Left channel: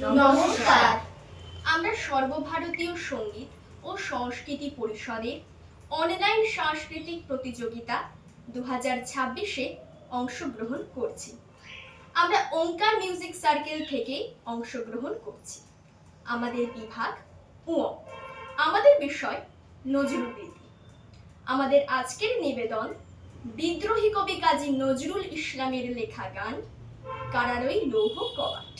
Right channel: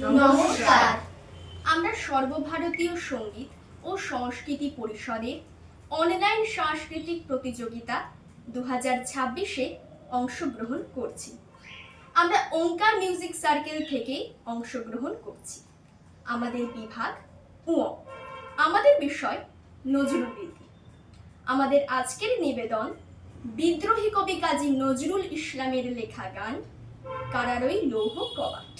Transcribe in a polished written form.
নমস্কার। আমরা সর্বভারতীয় সঙ্গীত ও সংস্কৃতি পরিষদের অনলাইন সাংস্কৃতিক প্রতিযোগিতা 2026-এ অংশগ্রহণ করছি। আমরা ওঙ্কার মিউজিক সার্কেল থেকে অংশগ্রহণ করছি। আমাদের বিভাগ আমাদের বিষয় নজরুলগীতি। আমাদের আজকের নিবেদন বিদ্রোহী কবি কাজী নজরুল ইসলামের লেখা গান কারারই লৌহ কবাট।